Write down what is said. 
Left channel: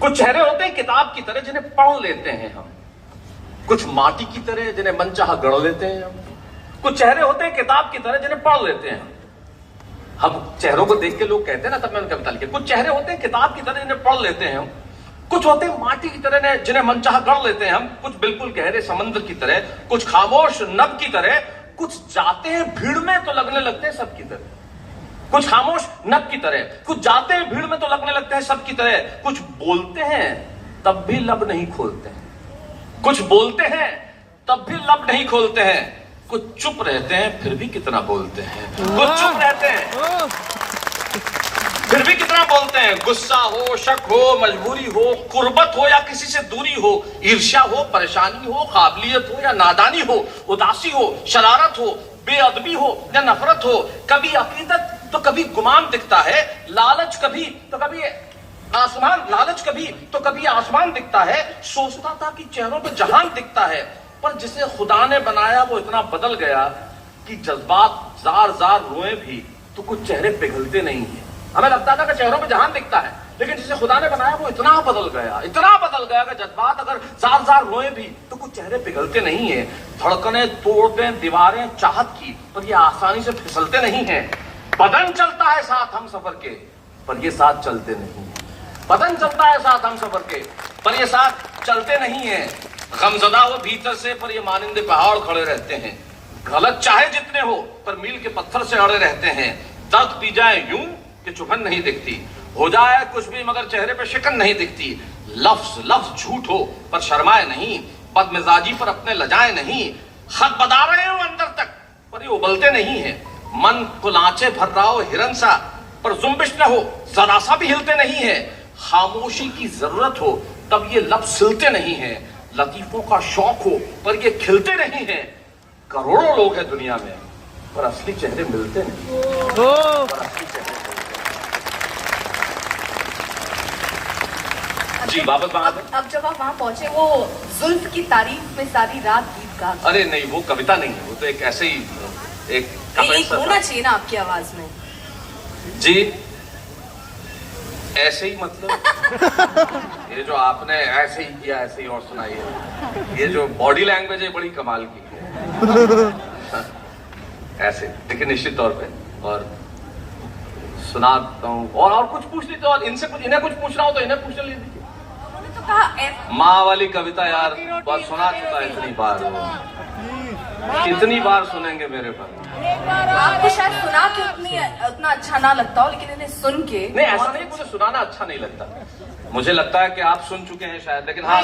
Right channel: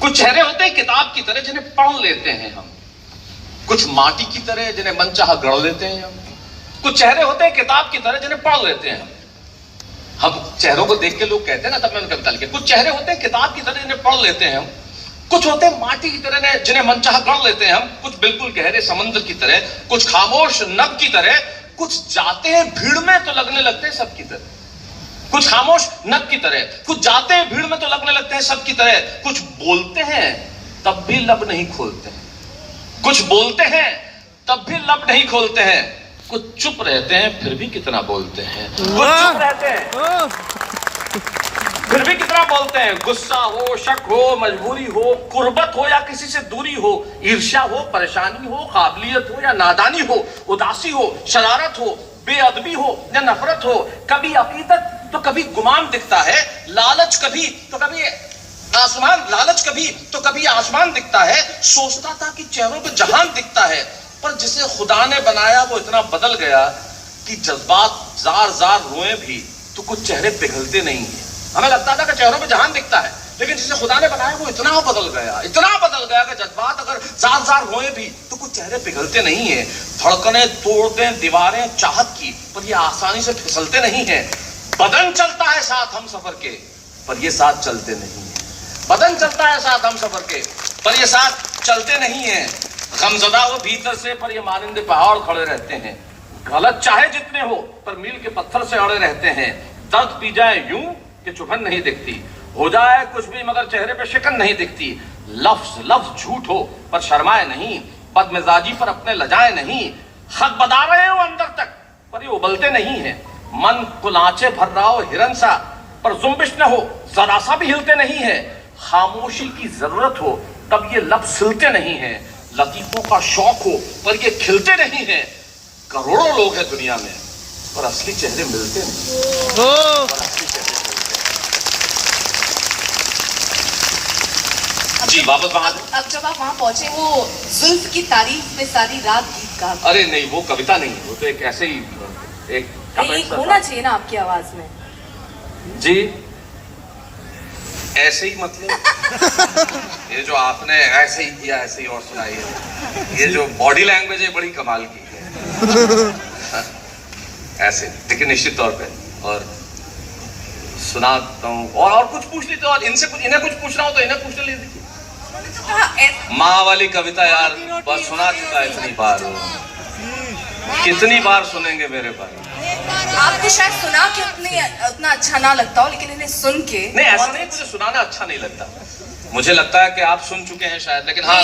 कुछ चेहरे होते हैं किताब की तरह जिन्हें पढ़ लेते हैं हम, कुछ माटी की तरह जिन्हें मनचाहा गढ़ लेते हैं हम, कुछ चेहरे होते हैं किताब की तरह जिन्हें पढ़ लेते हैं हम चेहरों को देख के लोग कहते हैं ना, तब मैंने कविता लिखी, कुछ चेहरे होते हैं किताब की तरह जिन्हें पढ़ लेते हैं हम, कुछ होते हैं माटी की तरह जिन्हें मनचाहा गढ़ लेते हैं हम, कुछ बिल्कुल गहरे समंदर की तरह, कुछ खामोश नभ की तरह, कुछ जाते हैं भीड़ में तो लगने लगते हैं सबकी तरह, कुछ खामोश नभ की तरह, कुछ जाते हैं भीड़ में तो लगने लगते हैं सबकी तरह, कुछ बोलते हैं तब भी लब नहीं खोलते हैं, कुछ बोलते हैं तब भी लब नहीं खोलते हैं, कुछ चुप रहते हैं फिर भी कितना बोलते हैं, कुछ चुप रहते हैं फिर भी कितना बोलते हैं, गुस्सा हो, शक हो, मजबूरी हो, कुर्बत हो या किसी से दूरी हो, ईर्ष्या हो, परेशानी हो, काबिलियत हो या नादानी हो, उदासी हो, शरारत हो, बेअदबी हो या नफरत हो, कभी अकीदत तो कभी गुमान दिखता है, लालच कभी तो कभी आसमान दिखता है, सोचता था कि चेहरों पे जहान दिखता है, पर जिसे खुदा ने बनाया वो इतना बदल गया कि जज्बात जार जार रोए भी तो कुछ चेहरे पिघलते नहीं है। हमें लगता था कि चेहरों पे जहान दिखता है, लेकिन जिसे खुदा ने बनाया वो इतना बदल गया कि जज्बात अगर जार जार रोए भी तो कुछ चेहरे पिघलते नहीं है। धड़कने तोड़ दें दीवारें चाहत की, पर ये आसानी से फिसलते नहीं है। बदन चलता है साथ हम सफर के, पर ये साथ चलते नहीं है। बदन चलता है साथ हम सफर के, पर ये साथ चलते नहीं है। गमजदा हो भीतर से, पर ये मानिंदे पहाड़ खड़े रहते हैं। गलत चाहे जितने हो, पर मील के पत्थर से अड़े रहते हैं। दर्द पी जाए यूं कि चुभन नहीं दिखती, हो जाए कुछ भी मगर चेहरे पे शिकन नहीं दिखती। लफ्ज झूठ हो पर शर्माए नहीं, बदमिजाजी पर अपने लजाए नहीं। खत बदा रहे हो अंदर तक, पर ये उबलते नहीं है। मन कुलांचे भर रहा हो हिरन सा, पर जुम्बिश न हो, जरा सा भी हिलते नहीं है। खामोशी की जरूरत हो तब ये लब सिलते नहीं है। लतीफों का शौक हो पर ये खिलते नहीं है। करोड़ों लोग हैं दुनिया में, पर असली चेहरे मिलते नहीं। पर असली चेहरे जी वापस अब जब आप वहां पहुंचे, वो जुल्फ की तारीफ में सारी रात गीत गा। अरे नहीं, वो कविता नहीं है, वो तो एक ऐसे ही एक होना चाहिए ना आपकी आवाज में। जी ऐसे ही मतलब ये जो आपने ऐसे ही किया, ऐसे ही और सुनाई है, ये जो बॉडी लैंग्वेज है बड़ी कमाल की है। ऐसे लेकिन निश्चित तौर पे और सुनाता हूँ और कुछ पूछ ली तो, और इनसे कुछ इन्हें कुछ पूछना हो तो इन्हें पूछने लीजिए। माँ वाली कविता यार बस सुना चुका है इतनी बार, कितनी बार सुनेंगे मेरे पास। आपको शायद सुना के उतना अच्छा ना लगता हो, लेकिन इन्हें सुन के नहीं, ऐसा नहीं, मुझे सुनाना अच्छा नहीं लगता, मुझे लगता है कि आप सुन चुके हैं शायद, लेकिन हाँ